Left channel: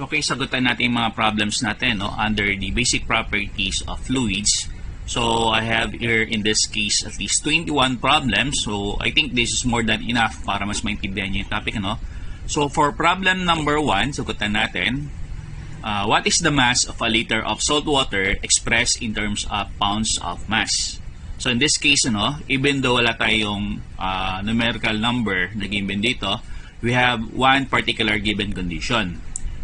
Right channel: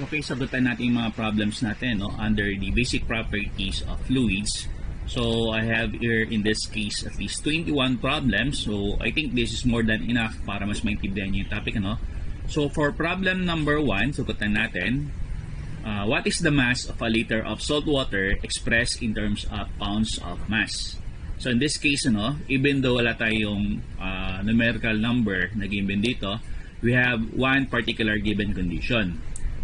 Okay, sagutan natin yung mga problems natin under the basic properties of fluids. So, I have here in this case at least 21 problems. So, I think this is more than enough para mas maintindihan nyo yung topic. So, for problem number 1, sagutan natin, what is the mass of a liter of salt water expressed in terms of pounds of mass? So, in this case, even though wala tayong numerical number na given dito, we have one particular given condition.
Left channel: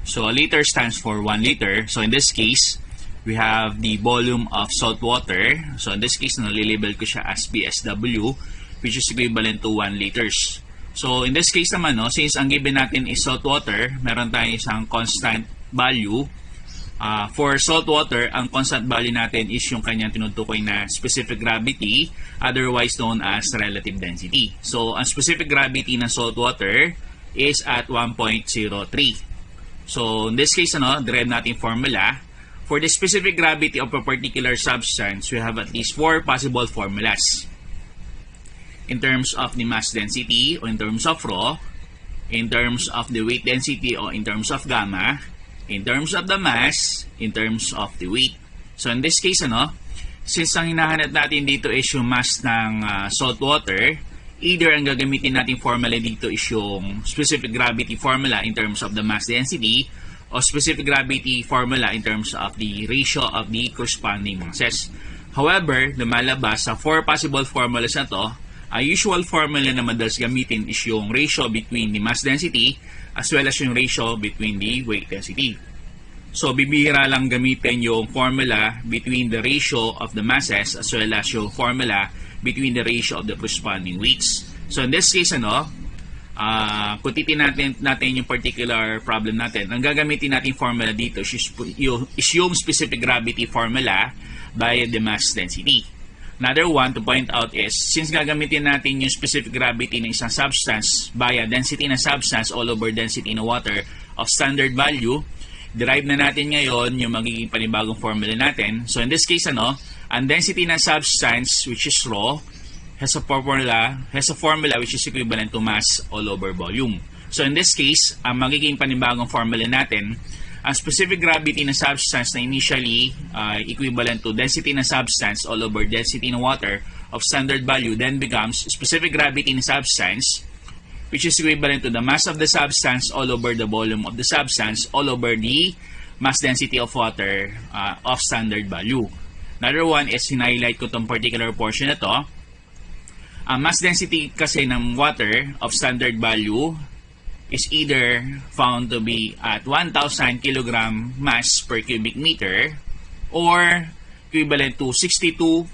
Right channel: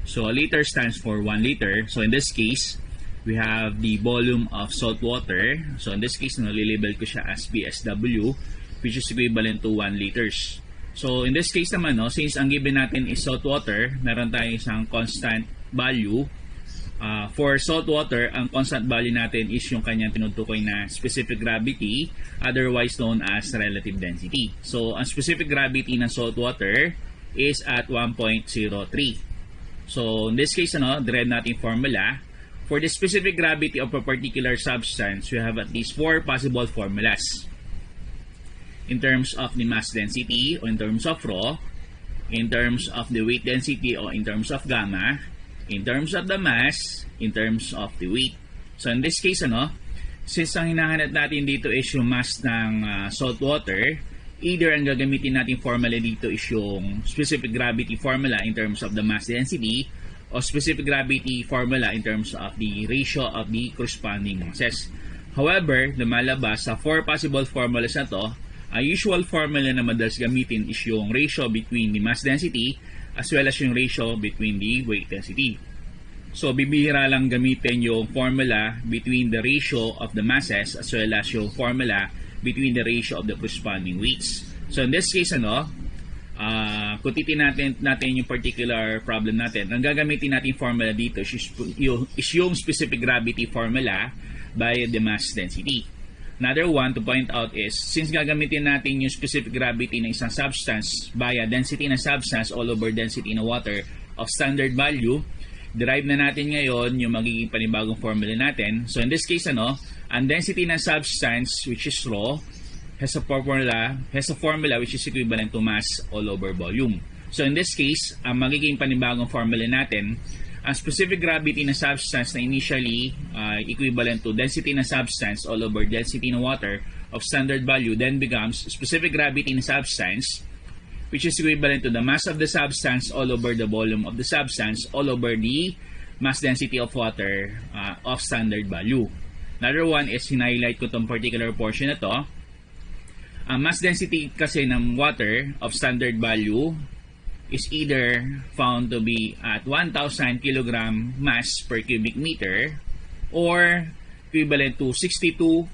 So, a liter stands for 1 liter. So, in this case, we have the volume of salt water. So, in this case, nalilabel ko siya as BSW, which is equivalent to 1 liters. So, in this case naman, since ang given natin is salt water, meron tayong isang constant value. For salt water, ang constant value natin is yung kanyang tinutukoy na specific gravity, otherwise known as relative density. So, ang specific gravity ng salt water is at 1.03. So, in this case, derive natin formula. For the specific gravity of a particular substance, we have at least 4 possible formulas. In terms of the mass density, or in terms of rho, in terms of the weight density, or in terms of gamma, in terms of the mass, in terms of the weight. So, in this case, since ang hinahanap natin dito is yung mass ng salt water, either ang gagamitin natin formula dito is yung specific gravity formula in terms of the mass density o specific gravity formula in terms of the ratio of the corresponding masses. However, lumalabas sa 4 possible formulas na to, ang usual formula na madalas gamitin is yung ratio between the mass density as well as yung ratio between the weight density. So, bibihira lang gamitin yung formula between the ratio of the masses as well as yung formula between the ratio of the corresponding weights. So, in this case, kung titignan natin yung particular problem natin, ang gagamitin natin formula dito is yung specific gravity formula by the mass density. Another one to point out is, since gagamitin natin yung specific gravity ng isang substance via density ng substance all over density ng water of standard value, derive na natin ngayon yung magiging panibagong formula natin. So, in this case, ang density ng substance, which is rho, has a formula which is equivalent to mass all over volume. So, in this case, ang magiging panibagong formula natin, ang specific gravity ng substance na initially equivalent to density ng substance all over density ng water of standard value then becomes specific gravity ng substance, which is equivalent to the mass of the substance all over the volume of the substance all over the mass density of water of standard value. Another one is, hinighlight ko itong particular portion na to. Ang mass density kasi ng water of standard value is either found to be at 1,000 kg mass per cubic meter or equivalent to 62.427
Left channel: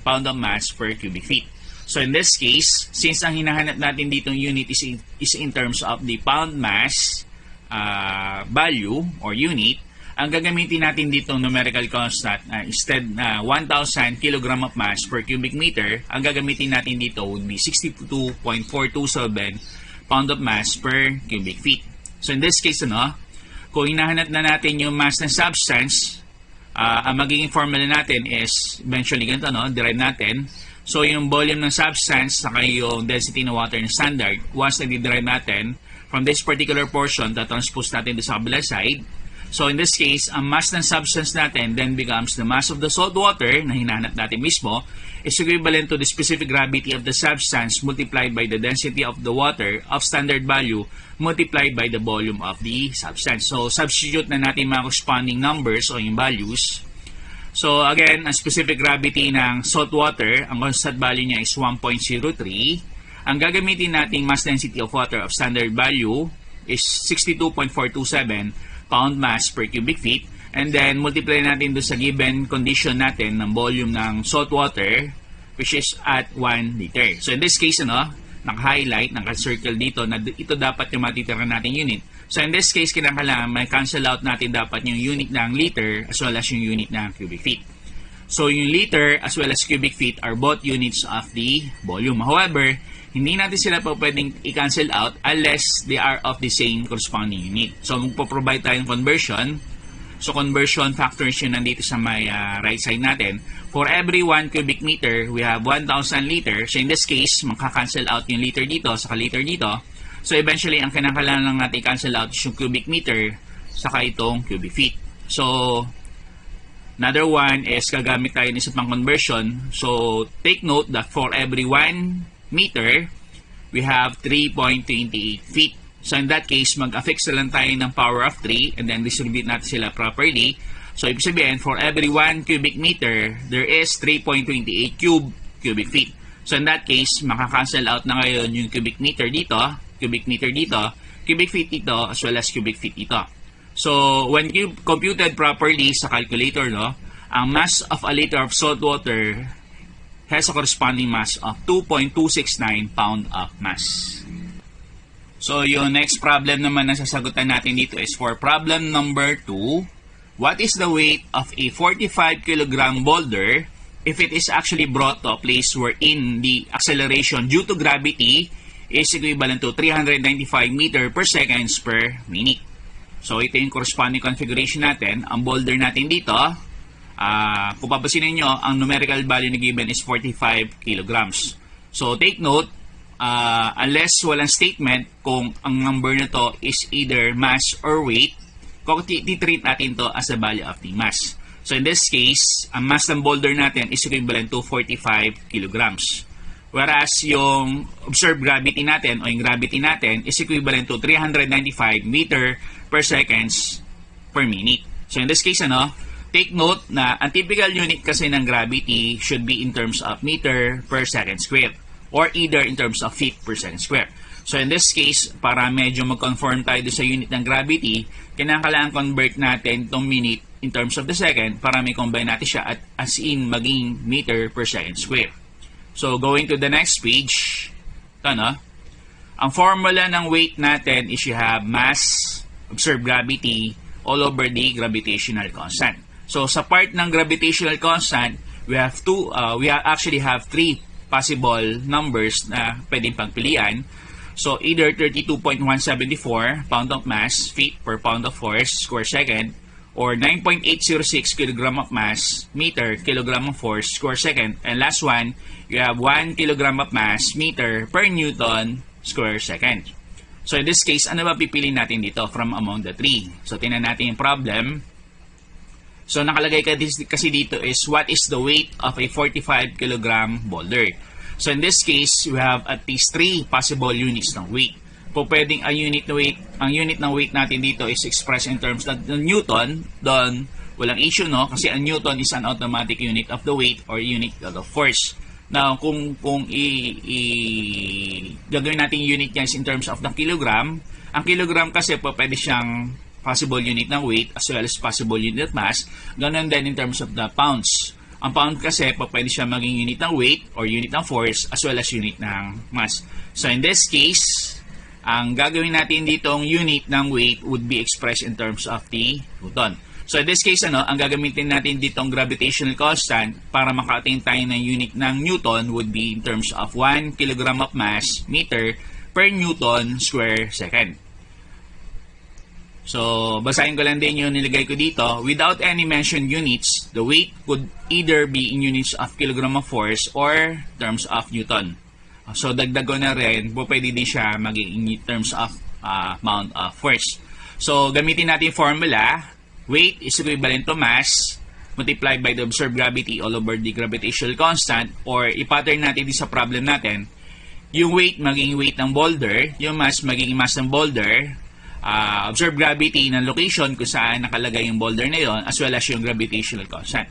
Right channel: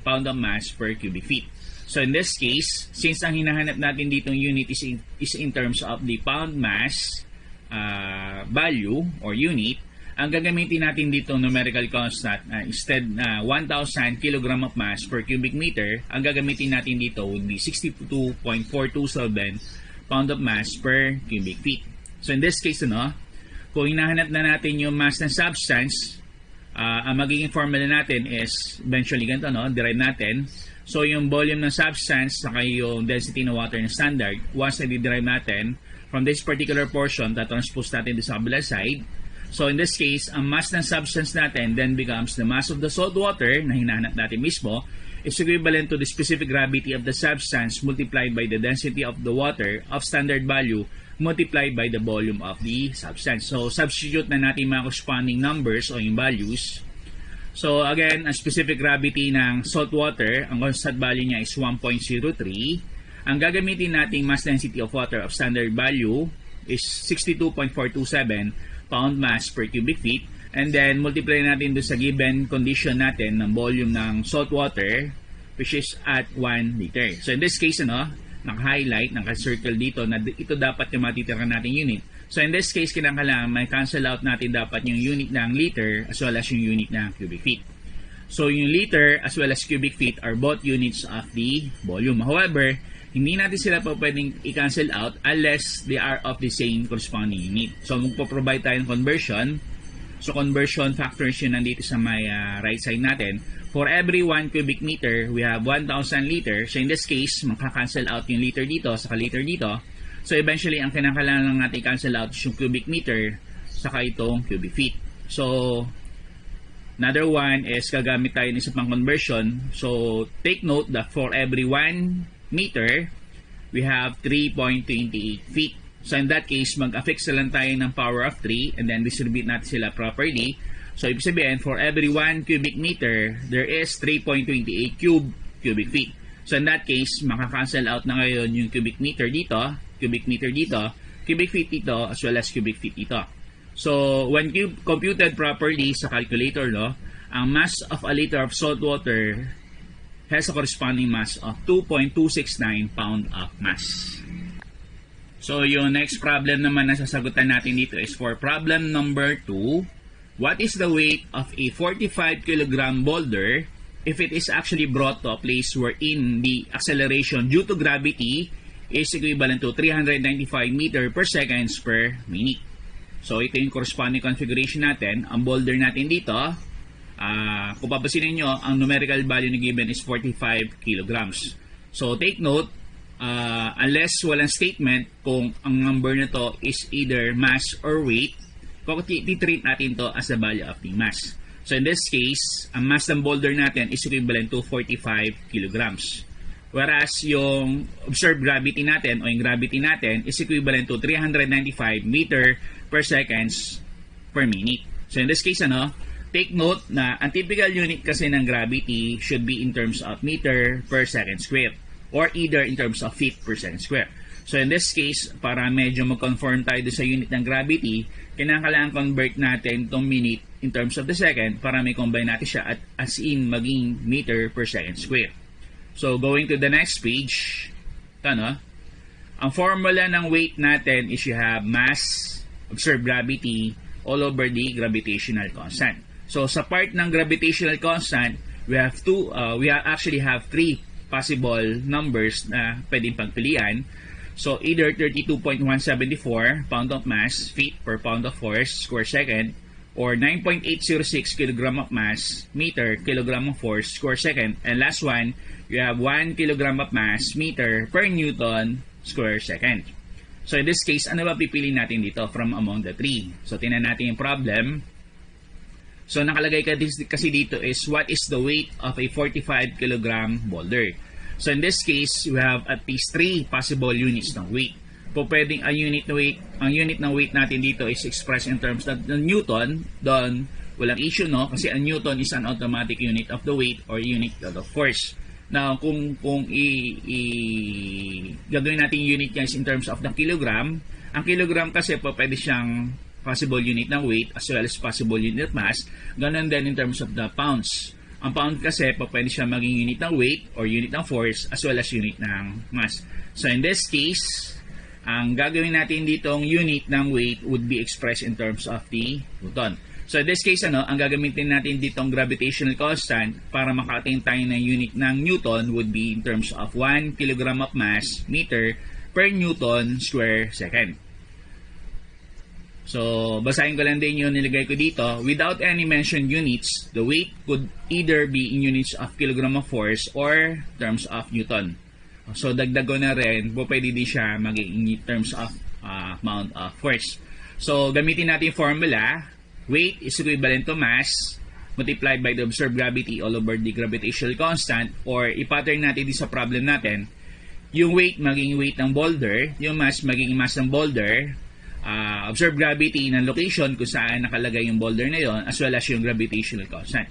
pound of mass per cubic feet. So, in this case, since ang hinahanap natin ditong unit is in terms of the pound mass value or unit, ang gagamitin natin dito numerical constant instead 1,000 kg of mass per cubic meter, ang gagamitin natin dito would be 62.427 pound of mass per cubic feet. So, in this case, kung hinahanap na natin yung mass ng substance, ang magiging formula natin is eventually ganito, derive natin. So, yung volume ng substance saka yung density ng water ng standard, once na di-derive natin from this particular portion, transpose natin sa kabilang side. So, in this case, ang mass ng substance natin then becomes the mass of the salt water na hinahanap natin mismo is equivalent to the specific gravity of the substance multiplied by the density of the water of standard value multiplied by the volume of the substance. So, substitute na natin mga corresponding numbers o yung values. So, again, ang specific gravity ng salt water, ang constant value niya is 1.03. Ang gagamitin nating mass density of water of standard value is 62.427 pound mass per cubic feet, and then multiply natin doon sa given condition natin ng volume ng salt water, which is at 1 liter. So, in this case, naka-highlight, naka-circle dito na ito dapat yung matitira natin unit. So, in this case, kinakailangan may cancel out natin dapat yung unit ng liter as well as yung unit ng cubic feet. So, yung liter as well as cubic feet are both units of the volume. However, hindi natin sila pa pwedeng i-cancel out unless they are of the same corresponding unit. So, magpo-provide tayong conversion. So, conversion factors yun nandito sa may right side natin. For every 1 cubic meter, we have 1,000 liter. So, in this case, makakancel out yung liter dito, saka liter dito. So eventually, ang kinakailangan lang natin cancel out is yung cubic meter saka itong cubic feet. So another one is gagamit tayo ng isa pang conversion. So take note that for every 1 meter, we have 3.28 feet. So in that case, mag-affix na lang tayo ng power of 3 and then distribute natin sila properly. So ibig sabihin, for every 1 cubic meter, there is 3.28 cubic feet. So in that case, makakancel out na ngayon yung cubic meter dito, cubic feet dito, as well as cubic feet dito. So when computed properly sa calculator, no, ang mass of a liter of salt water has a corresponding mass of 2.269 pound of mass. So yung next problem naman na sasagutan natin dito is for problem number 2. What is the weight of a 45 kilogram boulder if it is actually brought to a place wherein the acceleration due to gravity is equivalent to 395 meter per seconds per minute? So ito yung corresponding configuration natin. Ang boulder natin dito, kung papansinin nyo, ang numerical value na given is 45 kilograms. So take note, unless walang statement kung ang number na to is either mass or weight, titreat natin to as the value of the mass. So in this case, ang mass ng boulder natin is equivalent to 45 kilograms. Whereas yung observed gravity natin o yung gravity natin is equivalent to 395 meter per seconds per minute. So in this case, take note na ang typical unit kasi ng gravity should be in terms of meter per second square or either in terms of feet per second square. So in this case, para medyo mag-conform tayo sa unit ng gravity, kinakailangan convert natin itong minute in terms of the second para may combine natin siya at as in maging meter per second square. So going to the next page, ang formula ng weight natin is you have mass, observed gravity, all over the gravitational constant. So sa part ng gravitational constant, we actually have 3 possible numbers na pwedeng pagpilian. So either 32.174 pound of mass, feet per pound of force, square second, or 9.806 kilogram of mass, meter, kilogram of force, square second. And last one, you have 1 kilogram of mass, meter, per Newton, square second. So in this case, ano ba pipiliin natin dito from among the 3? So tingnan natin yung problem. So nakalagay kasi dito is what is the weight of a 45 kilogram boulder. So in this case, we have at least 3 possible units ng weight. Po pwedeng ang unit ng weight natin dito is expressed in terms of Newton. Doon walang issue, no, kasi ang Newton is an automatic unit of the weight or unit of the force. Now kung gagawin natin unit niya is in terms of the kilogram, ang kilogram kasi po pwede siyang possible unit ng weight as well as possible unit of mass. Ganun din in terms of the pounds. Ang pound kasi po pwede siya maging unit ng weight or unit ng force as well as unit ng mass. So in this case, ang gagawin natin ditong unit ng weight would be expressed in terms of the Newton. So in this case, ang gagamitin natin ditong gravitational constant para maka-attain tayo ng unit ng Newton would be in terms of 1 kilogram of mass, meter, per Newton square second. So, basahin ko lang din yung nilagay ko dito. Without any mentioned units, the weight could either be in units of kilogram of force or terms of Newton. So, dagdag ko na rin, pwede din siya maging in terms of amount of force. So, gamitin natin yung formula. Weight is equivalent to mass multiplied by the observed gravity all over the gravitational constant, or i-pattern natin din sa problem natin. Yung weight maging weight ng boulder, yung mass maging mass ng boulder, observed gravity ng location kung saan nakalagay yung boulder na yon, as well as yung gravitational constant.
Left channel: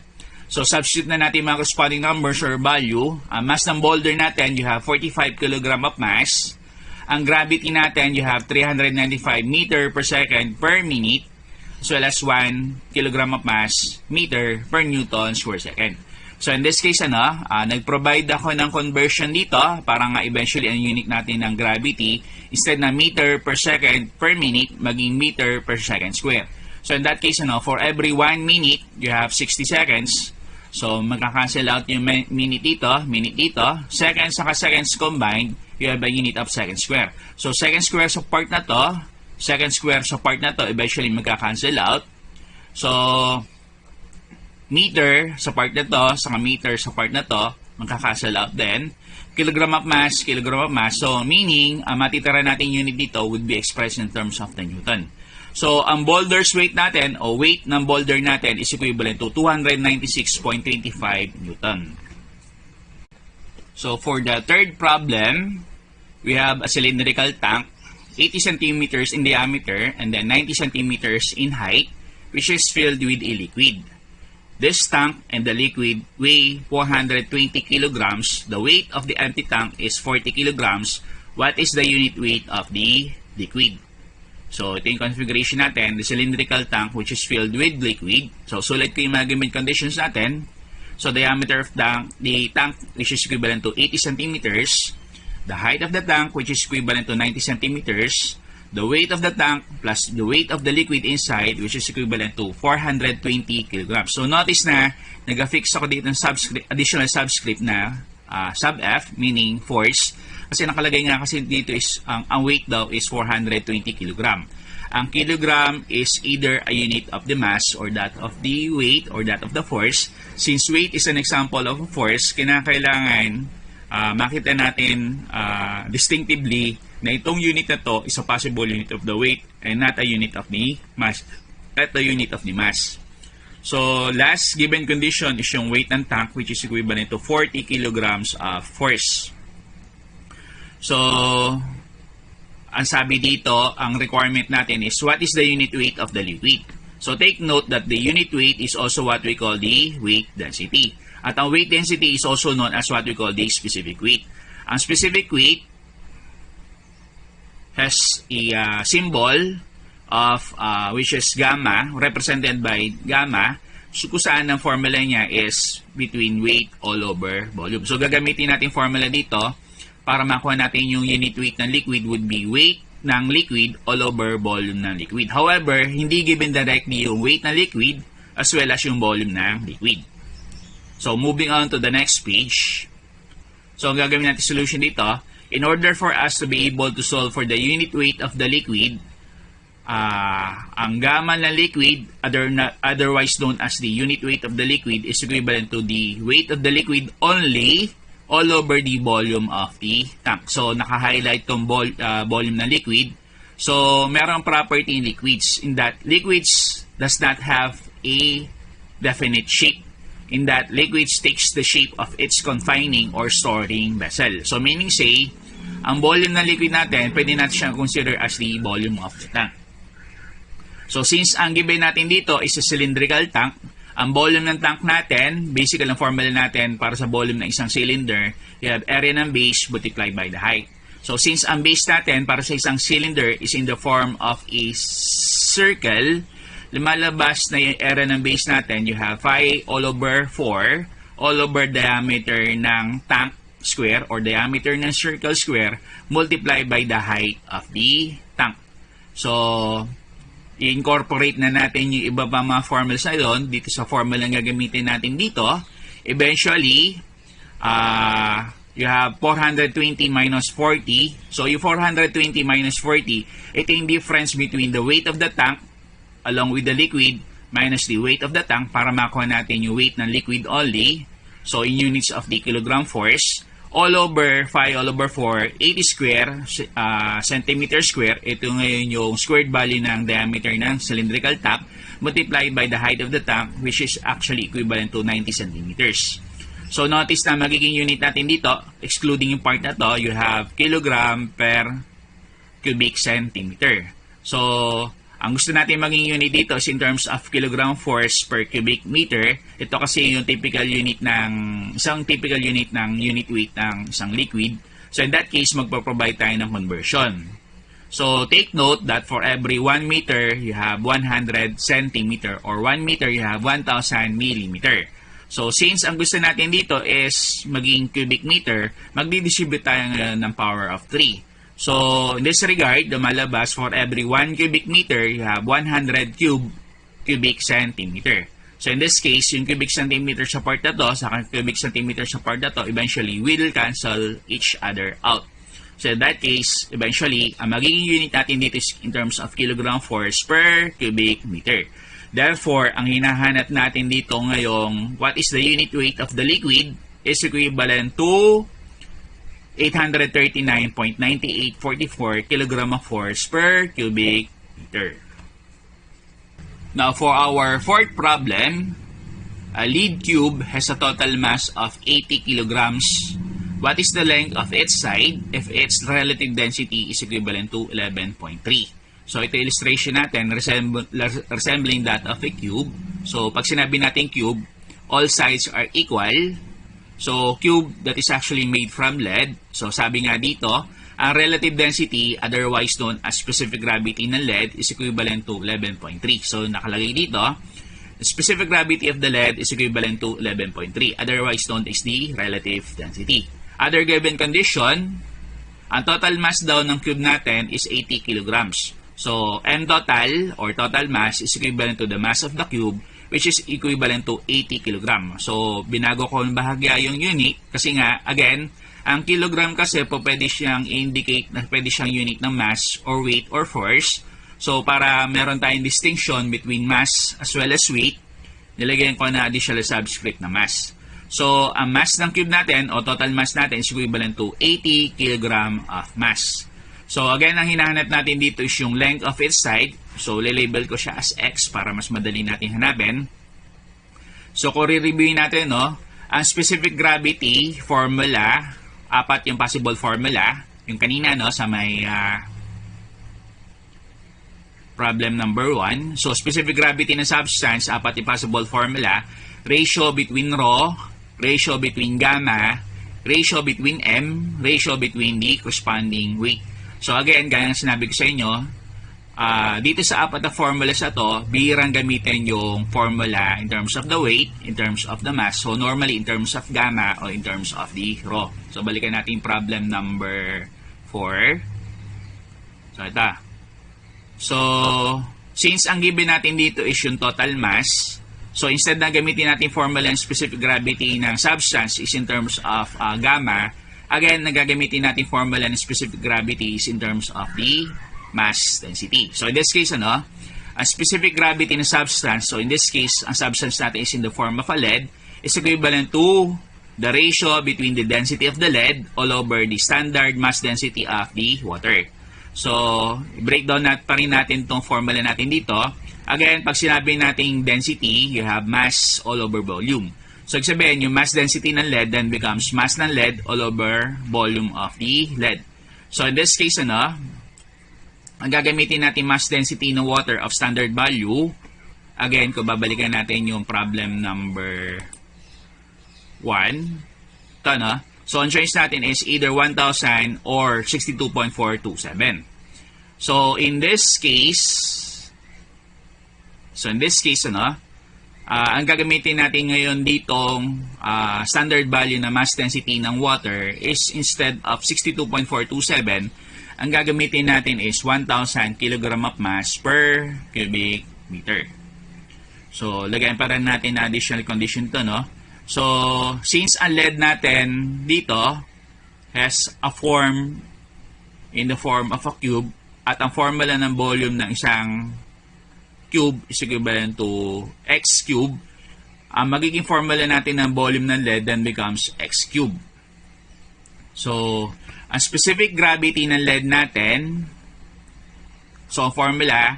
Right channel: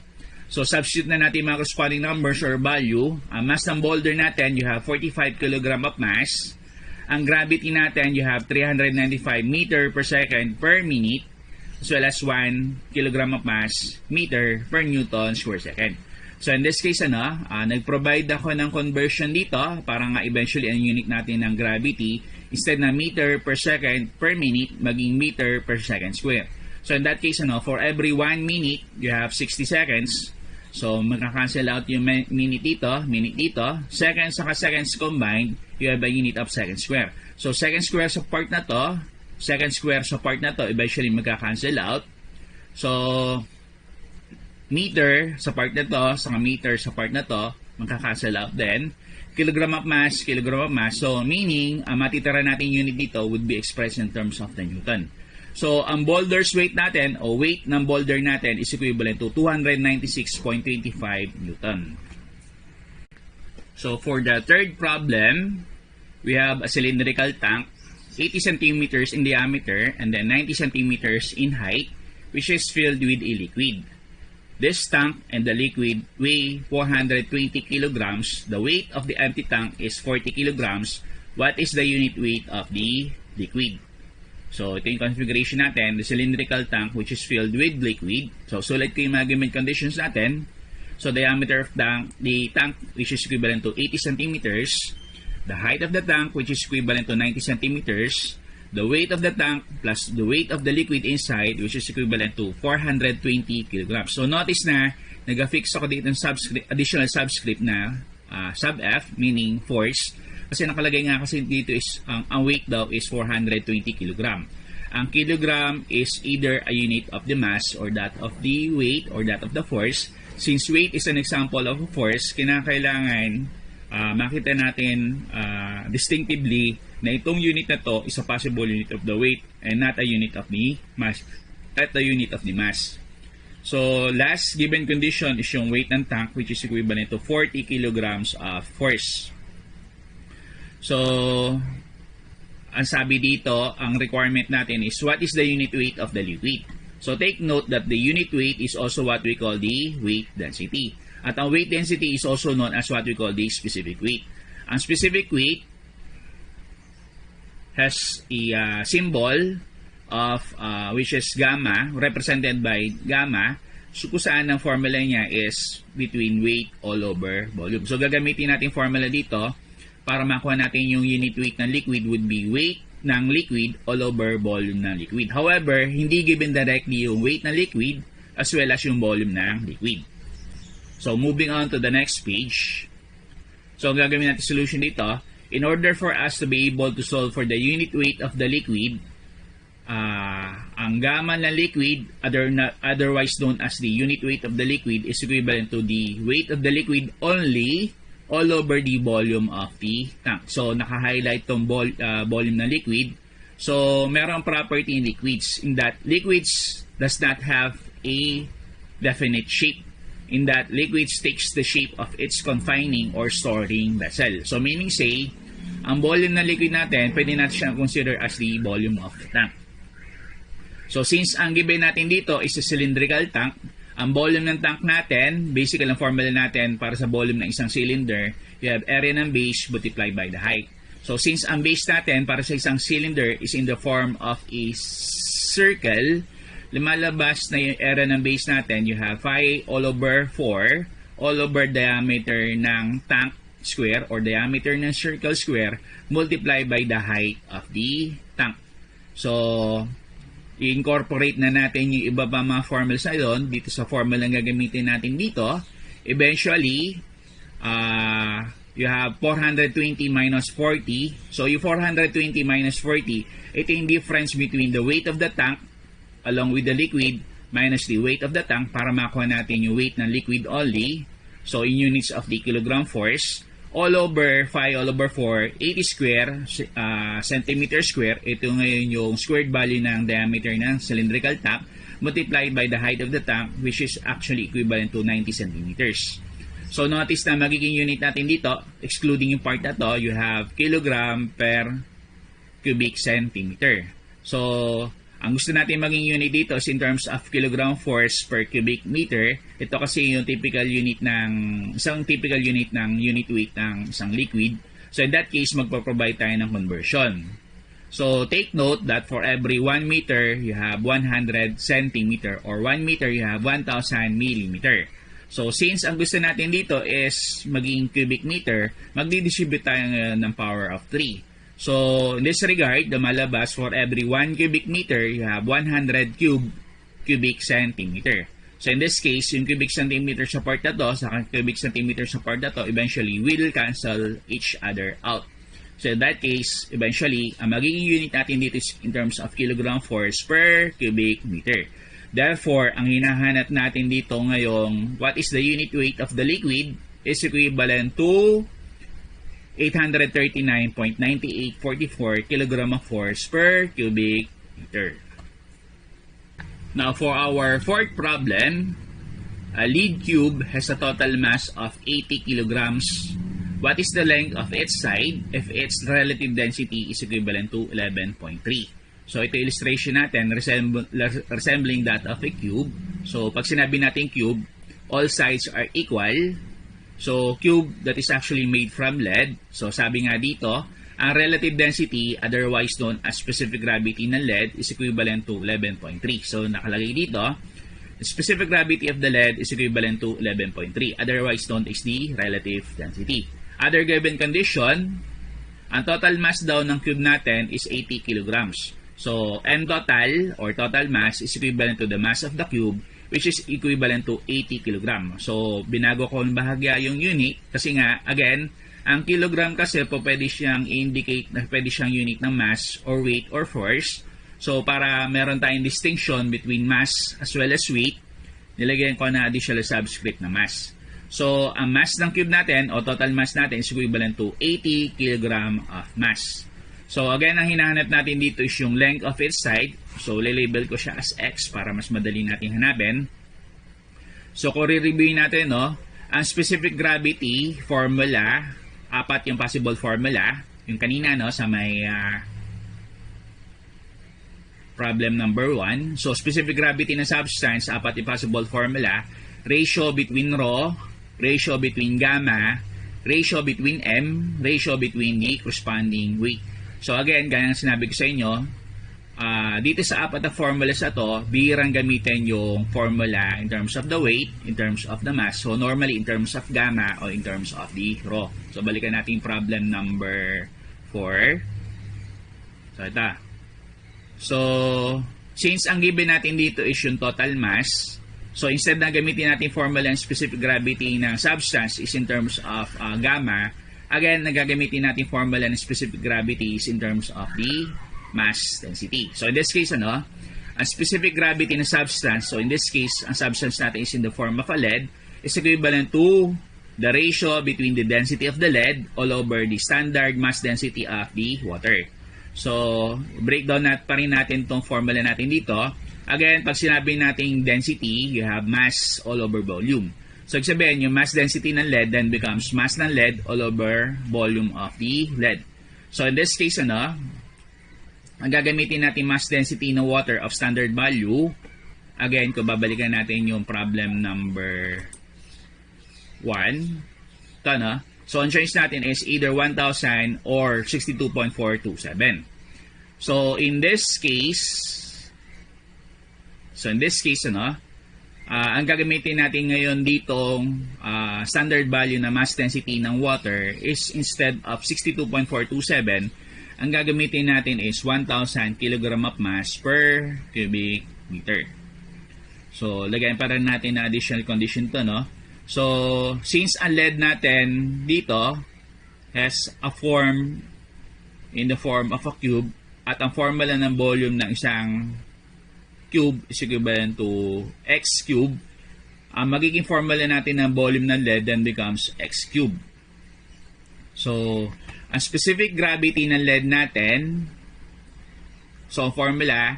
So substitute na natin mga corresponding numbers or value. Mass ng boulder natin, you have 45 kg of mass. Ang gravity natin, you have 395 meter per second per minute, as well as 1 kg of mass, meter per Newton square second. So in this case, nag-provide ako ng conversion dito para nga eventually ang unit natin ng gravity, instead na meter per second per minute, maging meter per second square. So in that case, for every 1 minute, you have 60 seconds. So magka-cancel out yung minute dito, seconds saka seconds combined, you have a unit of second square. So second square sa part na to, eventually magka-cancel out. So meter sa part na to, saka meter sa part na to, magka-cancel out din. kilogram of mass, kilogram of mass. So, meaning, ang matitira natin unit dito would be expressed in terms of the Newton. So, ang boulder's weight natin, o weight ng boulder natin is equivalent to 296.25 Newton. So, for the third problem, we have a cylindrical tank, 80 centimeters in diameter and then 90 centimeters in height, which is filled with a liquid. This tank and the liquid weigh 420 kilograms. The weight of the empty tank is 40 kilograms. What is the unit weight of the liquid? So, ito yung configuration natin, the cylindrical tank which is filled with liquid. So, sulit ko yung mga given conditions natin. So, diameter of the tank which is equivalent to 80 centimeters. The height of the tank which is equivalent to 90 centimeters. The weight of the tank plus the weight of the liquid inside which is equivalent to 420 kilograms. So, notice na nag-affix ako dito ng additional subscript na sub F, meaning force. Kasi nakalagay nga kasi dito is ang weight daw is 420 kilogram. Ang kilogram is either a unit of the mass or that of the weight or that of the force. Since weight is an example of a force, kinakailangan makita natin distinctively na itong unit na to is a possible unit of the weight and not a unit of the mass. Not a unit of the mass. So, last given condition is yung weight ng tank which is equivalent to 40 kilograms of force. So, ang sabi dito, ang requirement natin is what is the unit weight of the liquid. So, take note that the unit weight is also what we call the weight density. At ang weight density is also known as what we call the specific weight. Ang specific weight has a symbol of which is gamma, represented by gamma. So, kung saan ang formula niya is between weight all over volume. So, gagamitin natin formula dito para makuha natin yung unit weight ng liquid would be weight ng liquid all over volume ng liquid. However, hindi given directly yung weight ng liquid as well as yung volume ng liquid. So, moving on to the next page. So, ang gagawin natin solution dito, in order for us to be able to solve for the unit weight of the liquid, ang gamma ng liquid, otherwise known as the unit weight of the liquid, is equivalent to the weight of the liquid only all over the volume of the tank. So, naka-highlight tong volume ng liquid. So, merong property in liquids in that liquids does not have a definite shape. In that liquids takes the shape of its confining or storing vessel. So, meaning say, ang volume ng liquid natin, pwede natin siyang consider as the volume of the tank. So, since ang given natin dito is a cylindrical tank, ang volume ng tank natin, basically ang formula natin para sa volume ng isang cylinder, you have area ng base multiplied by the height. So, since ang base natin para sa isang cylinder is in the form of a circle, lumalabas na yung area ng base natin, you have pi all over 4 all over diameter ng tank square or diameter ng circle square multiplied by the height of the tank. So, i-incorporate na natin yung iba pa mga formulas na yun dito sa formula na gagamitin natin dito. Eventually, you have 420 minus 40. So, yung 420 minus 40, ito yung difference between the weight of the tank along with the liquid minus the weight of the tank para makuha natin yung weight ng liquid only. So, in units of the kilogram force, all over 5 all over 4, 80 square centimeter square. Ito ngayon yung squared value ng diameter ng cylindrical tank multiplied by the height of the tank which is actually equivalent to 90 centimeters. So, notice na magiging unit natin dito, excluding yung part na to, you have kilogram per cubic centimeter. So, ang gusto natin maging unit dito is in terms of kilogram force per cubic meter. Ito kasi yung typical unit ng isang typical unit ng unit weight ng isang liquid. So in that case, magpo-provide tayo ng conversion. So take note that for every 1 meter, you have 100 centimeter or 1 meter, you have 1,000 millimeter. So since ang gusto natin dito is maging cubic meter, magdi-distribute tayo ngayon ng power of 3. So, in this regard, lumalabas for every 1 cubic meter, you have 100 cubic centimeter. So, in this case, yung cubic centimeter sa part na to, sa cubic centimeter sa part na to, eventually will cancel each other out. So, in that case, eventually, ang magiging unit natin dito is in terms of kilogram force per cubic meter. Therefore, ang hinahanap natin dito ngayong what is the unit weight of the liquid is equivalent to 839.9844 kg of force per cubic meter. Now, for our fourth problem, a lead cube has a total mass of 80 kilograms. What is the length of its side if its relative density is equivalent to 11.3? So, ito illustration natin, resembling that of a cube. So, pag sinabi natin cube, all sides are equal. So, cube that is actually made from lead. So, sabi nga dito, ang relative density, otherwise known as specific gravity ng lead, is equivalent to 11.3. So, nakalagay dito, the specific gravity of the lead is equivalent to 11.3, otherwise known as the relative density. Other given condition, ang total mass daw ng cube natin is 80 kilograms. So, M total or total mass is equivalent to the mass of the cube, which is equivalent to 80 kilogram. So, binago ko ng bahagya yung unit kasi nga, again, ang kilogram kasi po pwede siyang indicate na pwede siyang unit ng mass or weight or force. So, para meron tayong distinction between mass as well as weight, nilagyan ko na additional subscript na mass. So, ang mass ng cube natin o total mass natin is equivalent to 80 kg of mass. So, again, ang hinahanap natin dito is yung length of its side. So, lilabel ko siya as X para mas madali natin hanapin. So, kung re-reviewin natin, no, ang specific gravity formula, apat yung possible formula. Yung kanina, no, sa may problem number 1. So, specific gravity ng substance, apat yung possible formula. Ratio between rho, ratio between gamma, ratio between M, ratio between the corresponding weight. So again, gaya ng sinabi ko sa inyo, dito sa apat na formulas na to, bihirang gamitin yung formula in terms of the weight, in terms of the mass. So normally in terms of gamma or in terms of the rho. So balikan natin problem number 4. So ito. So since ang given natin dito is yung total mass, so instead na gamitin natin formula ng specific gravity ng substance is in terms of gamma, again, nagagamitin natin formula ng specific gravity is in terms of the mass density. So in this case, ano, ang specific gravity ng substance, so in this case, ang substance natin is in the form of a lead, is equivalent to the ratio between the density of the lead all over the standard mass density of the water. So, breakdown pa rin natin itong formula natin dito. Again, pag sinabi nating density, you have mass all over volume. So, sabihin, yung mass density ng lead then becomes mass ng lead all over volume of the lead. So, in this case, ano, ang gagamitin natin mass density ng water of standard value. Again, kung babalikan natin yung problem number 1. Ito, no? So, ang choice natin is either 1,000 or 62.427. So, in this case, ano, ang gagamitin natin ngayon ditong standard value na mass density ng water is instead of 62.427, ang gagamitin natin is 1,000 kg of mass per cubic meter. So, lagayin pa rin natin na additional condition to, no? So, since ang lead natin dito has a form in the form of a cube at ang formula ng volume ng isang cube is equivalent to x cube, ang magiging formula natin ng volume ng lead then becomes x cube. So, ang specific gravity ng lead natin, so ang formula,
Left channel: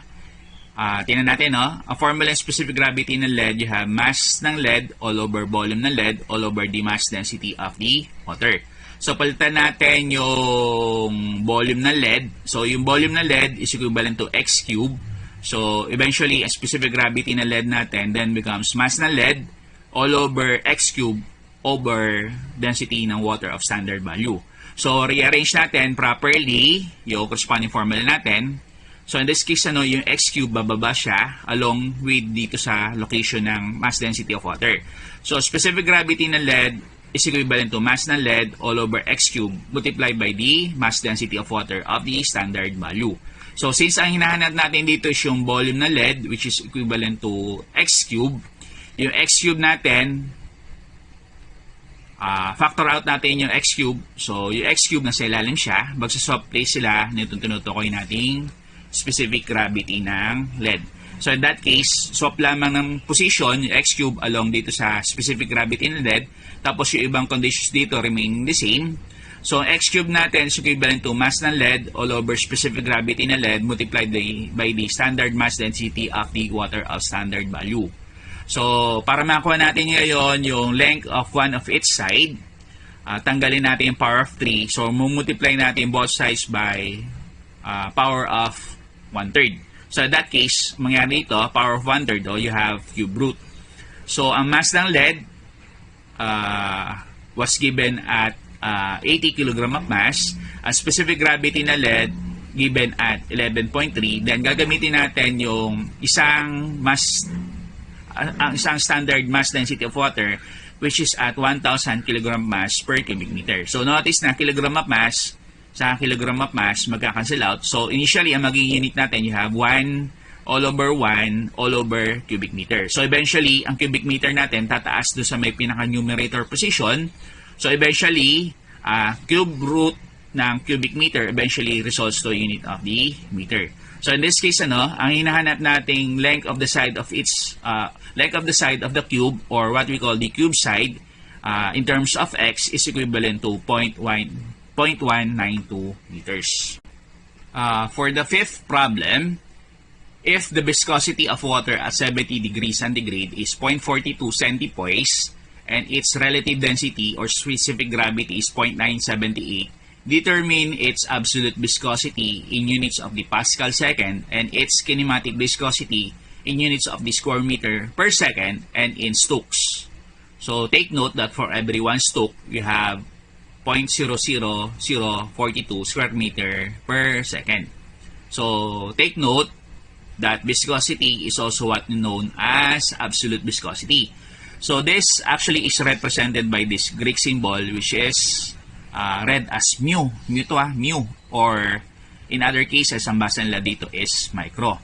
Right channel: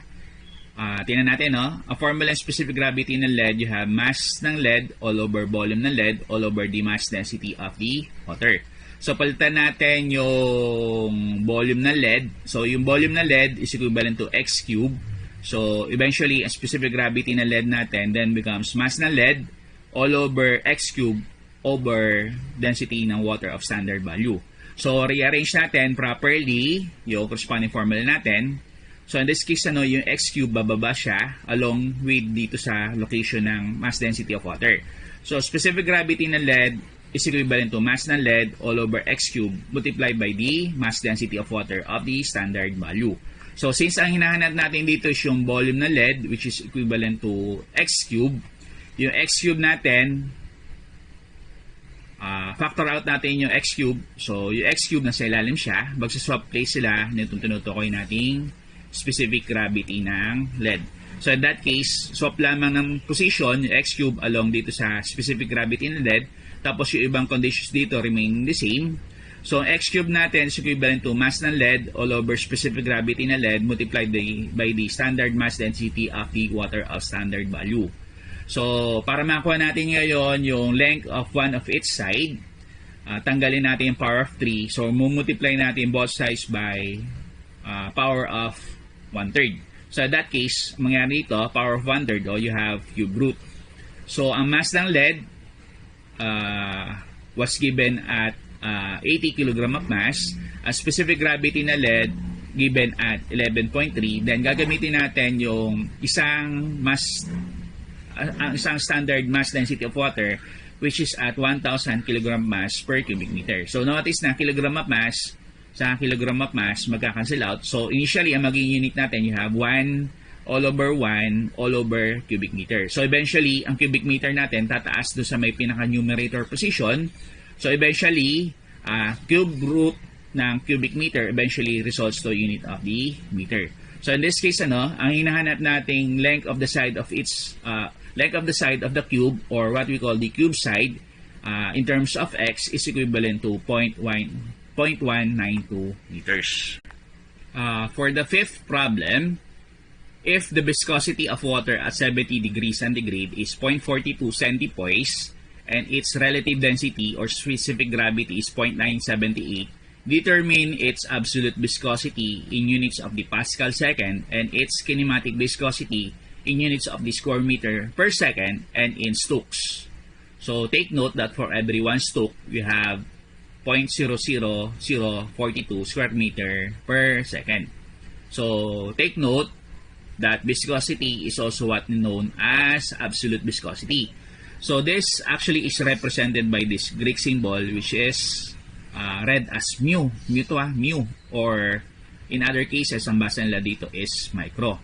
tingnan natin, no? Ang formula ng specific gravity ng lead, you have mass ng lead all over volume ng lead all over the mass density of the water. So, palitan natin yung volume ng lead. So, yung volume ng lead is equivalent to x cube. So, eventually, ang specific gravity ng lead natin then becomes mass ng lead all over x cube over density ng water of standard value. So, rearrange natin properly yung corresponding formula natin. So, in this case, ano, yung x cube bababa siya along with dito sa location ng mass density of water. So, specific gravity ng lead is equivalent to mass ng lead all over x cube multiplied by the mass density of water of the standard value. So, since ang hinahanap natin dito is yung volume ng lead, which is equivalent to x cube, yung x cube natin, factor out natin yung x cube. So, yung x cube nasa ilalim siya, magsaswap place sila nitong tinutukoy nating specific gravity ng lead. So, in that case, swap lamang ng position, yung x cube along dito sa specific gravity ng lead, tapos yung ibang conditions dito remaining the same. So, ang x cube natin is equivalent to mass ng lead all over specific gravity ng lead multiplied by the standard mass density of the water of standard value. So, para makuha natin ngayon yung length of one of its side, tanggalin natin yung power of 3. So, multiply natin both sides by power of 1/3. So, in that case, mangyari ito, power of 1/3, you have cube root. So, ang mass ng lead was given at 80 kg of mass. Ang specific gravity na lead given at 11.3. Then, gagamitin natin yung isang standard mass density of water which is at 1,000 kg mass per cubic meter. So, notice na kilogram of mass sa kilogram of mass magka-cancel out. So, initially, ang magiging unit natin, you have 1 all over 1 all over cubic meter. So, eventually, ang cubic meter natin tataas doon sa may pinaka-numerator position. So, eventually, cube root ng cubic meter eventually results to unit of the meter. So, in this case, ang hinahanap nating length of the side of the cube or what we call the cube side in terms of x is equivalent to 0.192 meters. For the fifth problem, if the viscosity of water at 70 degrees centigrade is 0.42 centipoise and its relative density or specific gravity is 0.978, determine its absolute viscosity in units of the Pascal second and its kinematic viscosity in units of the square meter per second and in Stokes. So take note that for every 1 Stoke, you have 0.00042 square meter per second. So take note that viscosity is also what known as absolute viscosity. So this actually is represented by this Greek symbol which is read as mu. Mu. Or in other cases, ang basa nila dito is micro.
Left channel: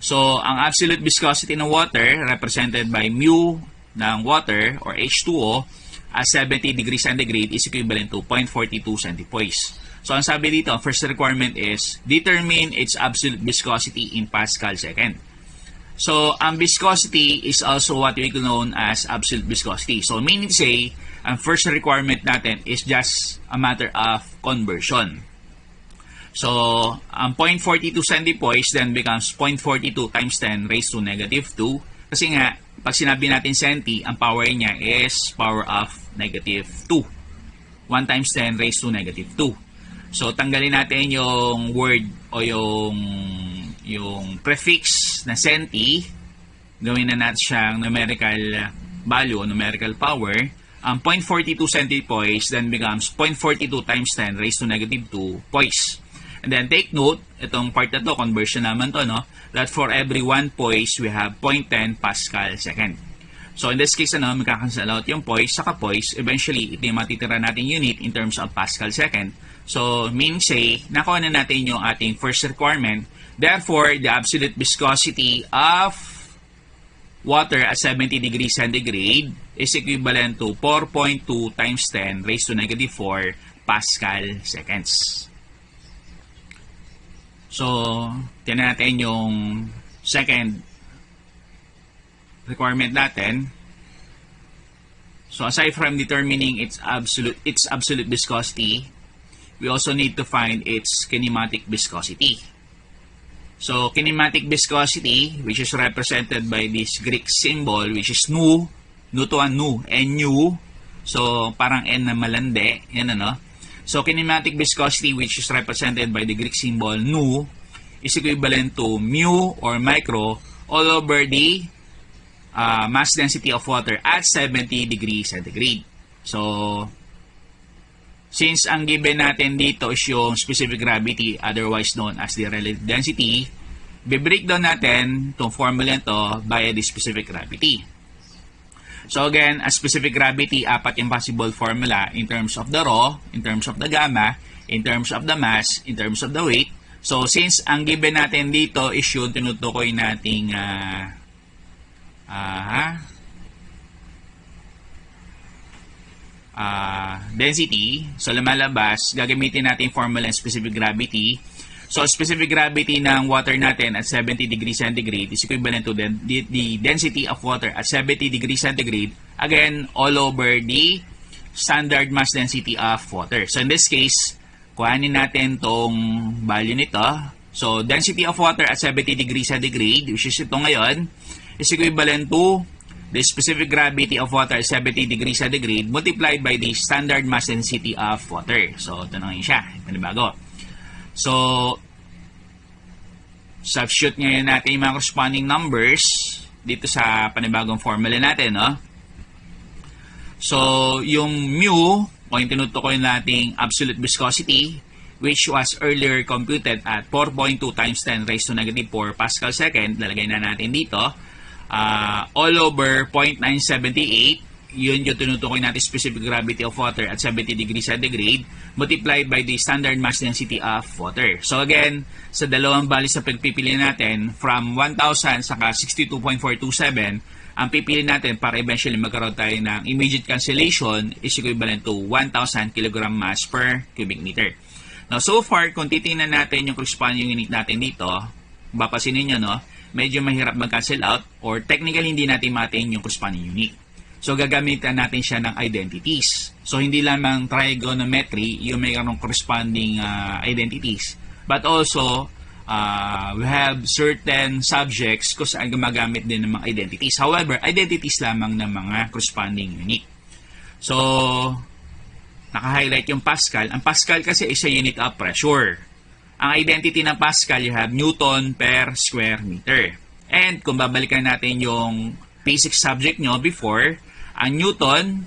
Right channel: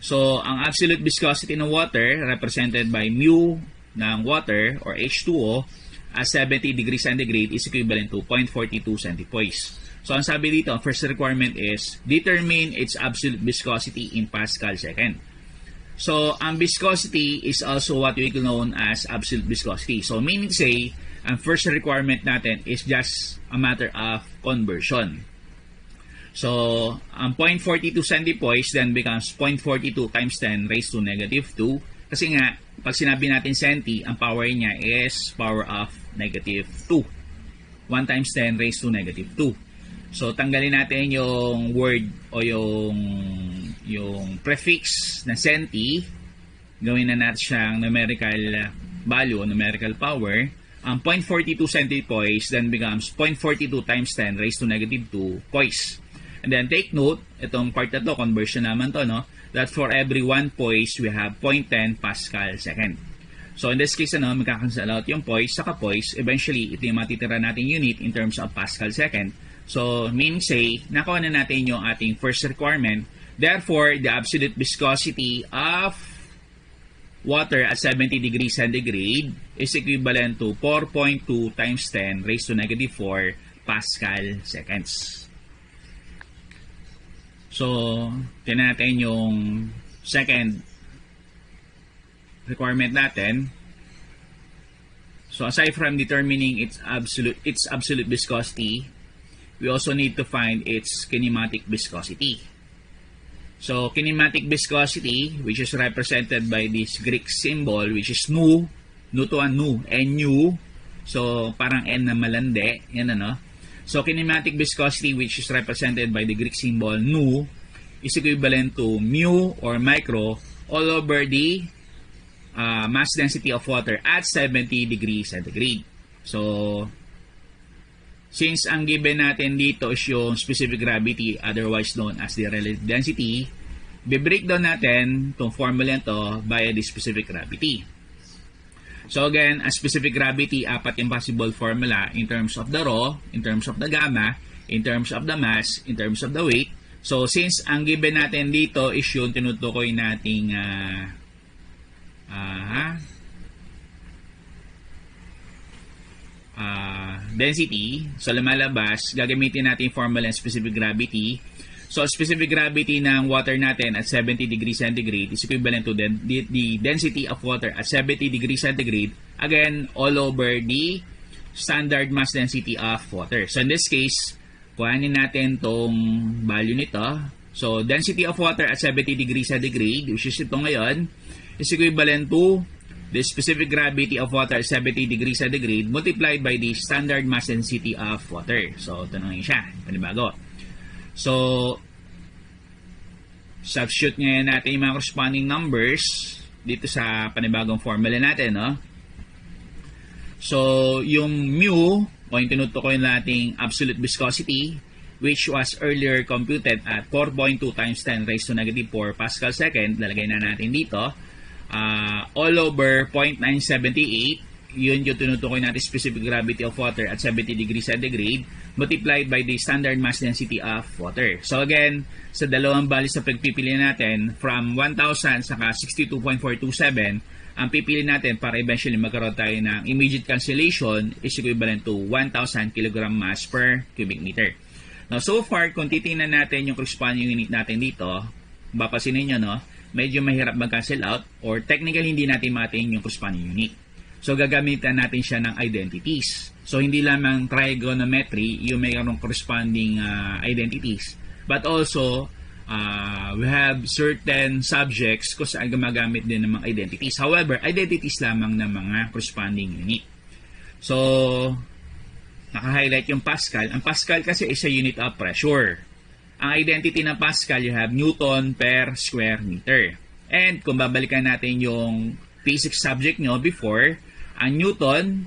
So ang absolute viscosity ng water represented by mu ng water or H2O at 70 degrees centigrade is equivalent to 0.42 centipoise. So ang sabi dito, ang first requirement is determine its absolute viscosity in Pascal second. So ang viscosity is also what we know as absolute viscosity. So meaning to say, ang first requirement natin is just a matter of conversion. So ang 0.42 centipoise then becomes 0.42 times 10 raised to negative 2. Kasi nga, pag sinabi natin centi, ang power niya is power of negative 2. 1 times 10 raised to negative 2. So, tanggalin natin yung word o yung prefix na centi. Gawin na natin siyang numerical value o numerical power. Ang 0.42 centipoise then becomes 0.42 times 10 raised to negative 2 poise. And then take note, itong part na to, conversion naman to, no? That for every 1 poise, we have 0.10 Pascal second. So in this case, magkakancel out yung poise sa poise. Eventually, ito yung matitira natin unit in terms of Pascal second. So, meaning say, nakuha na natin yung ating first requirement. Therefore, the absolute viscosity of water at 70 degrees centigrade is equivalent to 4.2 times 10 raised to negative 4 Pascal seconds. So, tingnan natin yung second requirement natin. So, aside from determining its absolute viscosity, we also need to find its kinematic viscosity. So, kinematic viscosity, which is represented by this Greek symbol, which is nu to a nu, nu. So, parang N na malande. Yan ano. So, kinematic viscosity, which is represented by the Greek symbol nu, is equivalent to mu or micro all over the mass density of water at 70 degrees centigrade. So, since ang given natin dito is yung specific gravity, otherwise known as the relative density, be-breakdown natin itong formula ito via the specific gravity. So again, a specific gravity, 4 yung possible formula in terms of the rho, in terms of the gamma, in terms of the mass, in terms of the weight. So since ang given natin dito is yung tinutukoy nating density, so lumalabas, gagamitin natin formula ng specific gravity. So specific gravity ng water natin at 70 degrees centigrade is equivalent to the density of water at 70 degrees centigrade, again all over the standard mass density of water. So in this case, kuhanin natin tong value nito. So density of water at 70 degrees centigrade, which is ito ngayon, is equivalent to the specific gravity of water at 70 degrees centigrade multiplied by the standard mass density of water. So ito na siya. Ito na bago. So substitute ngayon natin yung mga corresponding numbers dito sa panibagong formula natin, no? So, yung mu, o yung tinutukoy nating absolute viscosity, which was earlier computed at 4.2 times 10 raised to negative 4 pascal second, lalagay na natin dito, all over 0.978, yun yung tinutukoy natin specific gravity of water at 70 degrees centigrade multiplied by the standard mass density of water. So again, sa dalawang values na pagpipili natin, from 1,000 saka 62.427, ang pipili natin para eventually magkaroon tayo ng immediate cancellation is equivalent to 1,000 kg mass per cubic meter. Now, so far, kung titingnan natin yung corresponding unit natin dito, mapapansinin nyo, no, medyo mahirap mag-cancel out or technically hindi natin matin yung corresponding unit. So, gagamitan natin siya ng identities. So, hindi lamang trigonometry yung mayroong corresponding identities, but also, we have certain subjects kung saan gumagamit din ng mga identities. However, identities lamang ng mga corresponding unit. So, naka-highlight yung Pascal. Ang Pascal kasi is a unit of pressure. Ang identity ng Pascal, you have Newton per square meter. And kung babalikan natin yung basic subject nyo before, ang Newton,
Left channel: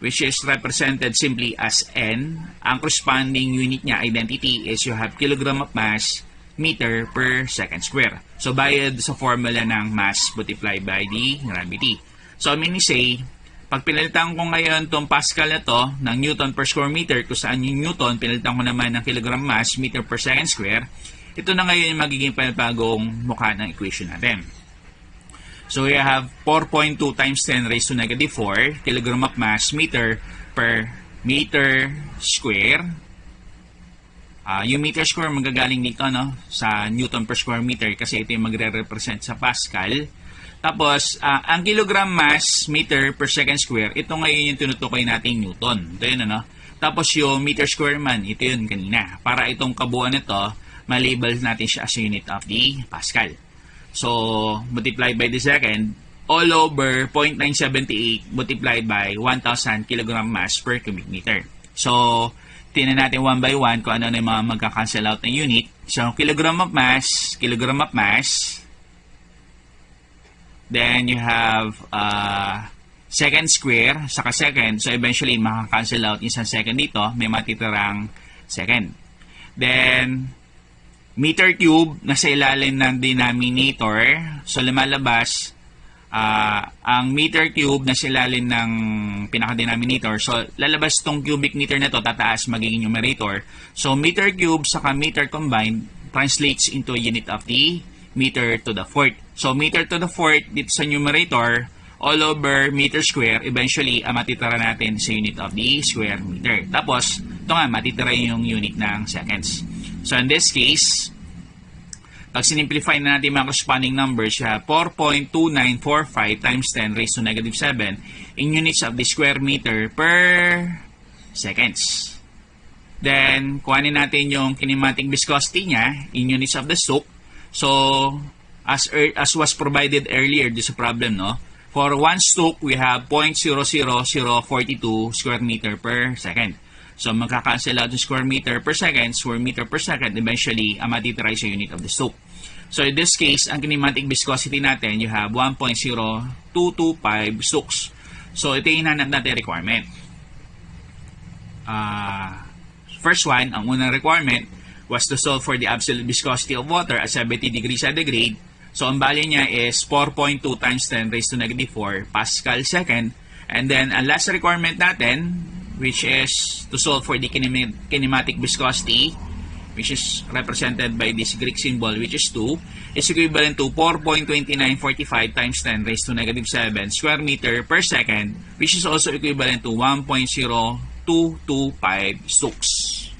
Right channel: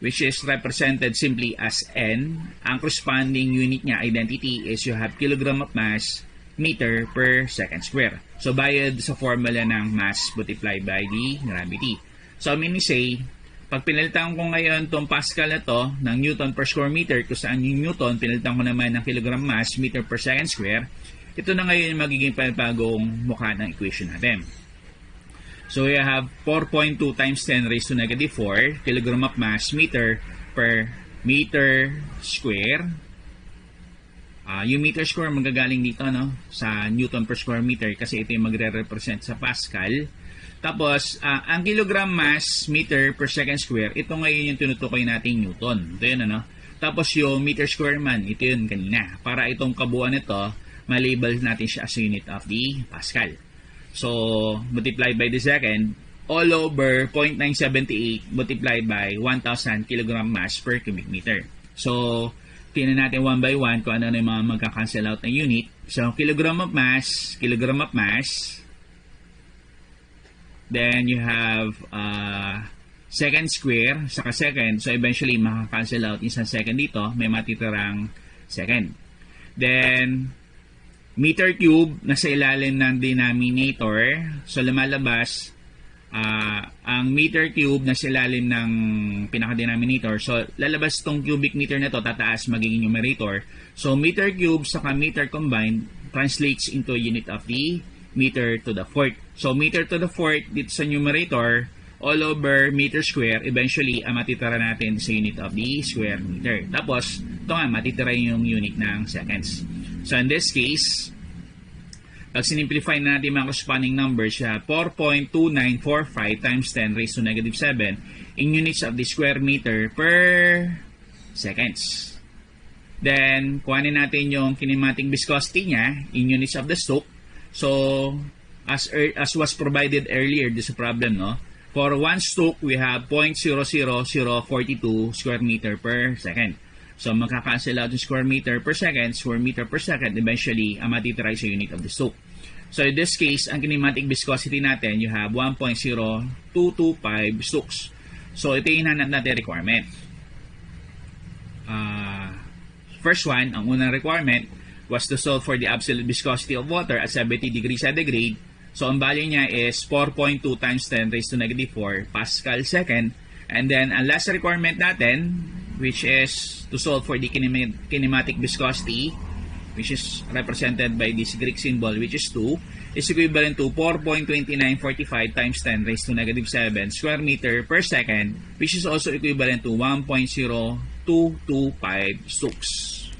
which is represented simply as N, ang corresponding unit niya, identity, is you have kilogram of mass meter per second square. So, bayad sa formula ng mass multiplied by the gravity. So, meaning say, pag pinalitan ko ngayon itong Pascal na to ng Newton per square meter, kung saan yung Newton, pinalitan ko naman ng kilogram mass meter per second square, ito na ngayon yung magiging panibagong mukha ng equation natin. So, we have 4.2 times 10 raised to negative 4 kilogram of mass meter per meter square. Yung meter square magagaling dito, no, sa Newton per square meter kasi ito yung magre-represent sa Pascal. Tapos, ang kilogram mass meter per second square, ito ngayon yung tinutukoy nating Newton. Ito yun, ano? Tapos yung meter square man, ito yun kanina. Para itong kabuuan nito, malabel natin siya as unit of the Pascal. So, multiplied by the second, all over 0.978 multiplied by 1,000 kg mass per cubic meter. So, tingnan natin one by one kung ano na yung mga magka-cancel out na unit. So, kilogram of mass. Then, you have second square, saka second. So, eventually, makaka-cancel out isang second dito. May matitirang second. Then, meter cube nasa ilalim ng denominator. So, lumalabas ang meter cube nasa ilalim ng pinaka-denominator. So, lalabas tong cubic meter na to, tataas magiging numerator. So, meter cube saka meter combined translates into a unit of the meter to the fourth. So, meter to the fourth dito sa numerator, all over meter square, eventually, matitira natin sa unit of the square meter. Tapos, ito nga, matitira yung unit ng seconds. So, in this case, pag sinimplify na natin mga corresponding numbers, you have 4.2945 times 10 raised to negative 7 in units of the square meter per seconds. Then, kuhanin natin yung kinematic viscosity niya in units of the Stokes. So, as was provided earlier this problem, no? For one Stokes, we have 0.00042 square meter per second. So, magkakancel out yung square meter per second, eventually, matitira sa unit of the Stokes. So, in this case, ang kinematic viscosity natin, you have 1.0225 Stokes. So, ito yung hinanap natin requirement. First one, ang unang requirement was to solve for the absolute viscosity of water at 70 degrees centigrade. So, ang value niya is 4.2 times 10 raised to negative 4 Pascal second. And then, ang last requirement natin, which is to solve for the kinematic viscosity, which is represented by this Greek symbol, which is 2, is equivalent to 4.2945 times 10 raised to negative 7 square meter per second, which is also equivalent to 1.0225 Stokes.